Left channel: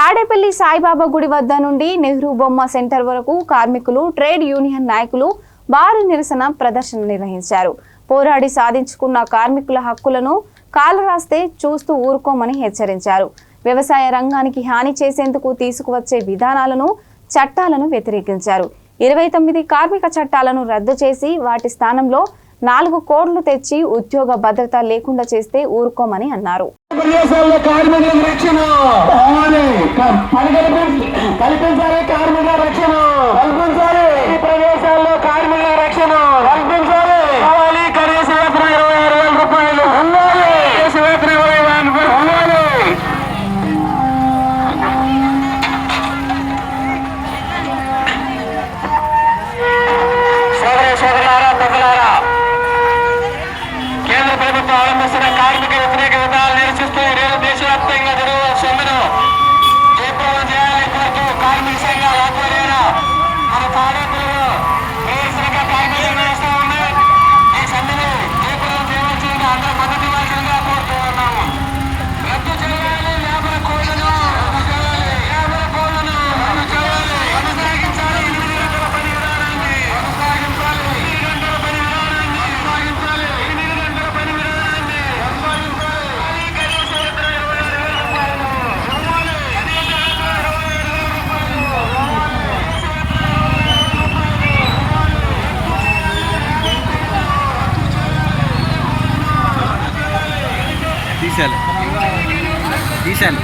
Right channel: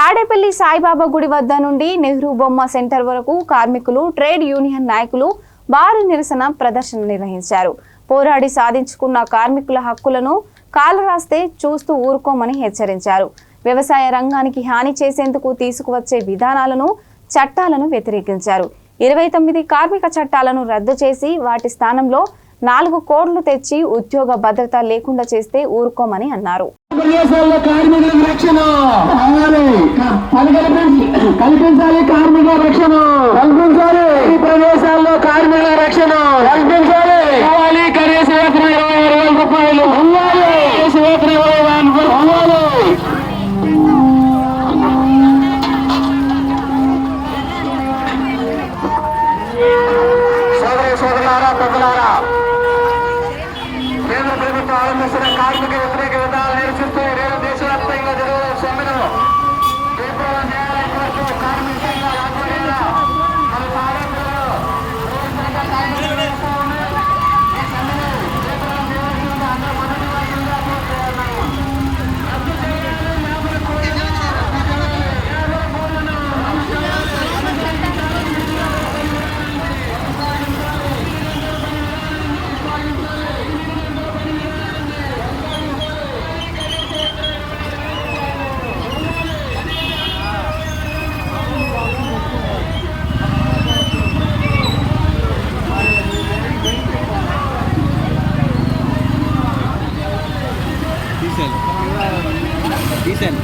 తాడేపల్లి సాయిబాబా గుడి వద్ద నుండి నెహ్రూ బొమ్మ సెంటర్ వరకు కార్మికులు, ట్రేడ్ యూనియన్ నాయకులు భారీ నిరసన ప్రదర్శన నిర్వహించారు. పోరాడి సాధించుకున్న కార్మికుల హక్కులను కాలరాస్తే చూస్తూ ఊరుకోమని హెచ్చరించారు. వ్యవసాయ రంగానికి హాని చేసేందుకు తీసుకువచ్చే విధానాలను, చట్టాలను వ్యతిరేకించారు. 29 కార్మిక చట్టాలను రద్దు చేసి వాటి స్థానంలో 4 కోడ్లు తెచ్చి ఉద్యోగ భద్రత లేకుండా చేస్తే ఊరుకోమని అన్నారు. కార్మిక వ్యతిరేక విధానాలు నిరసిస్తూ దేశవ్యాప్తంగా జరుగుతున్న సమ్మెను జయప్రదం చేయాలని కోరుతూ కార్మిక సంఘాల ఆధ్వర్యాన మన తాడేపల్లిలో నిరసనగా కార్మికులు చేస్తూ ఉంది. ఈ సమ్మెను జయప్రదం చేయవలసిందిగా అందరూ మద్దతు ఇవ్వాల్సిందిగా కోరుతూ ఉన్నాము. రద్దు చేయాలి లేబర్ కోడ్లను, కొనసాగించాలి 8 గంటల పని విధానాన్ని, తీసాలి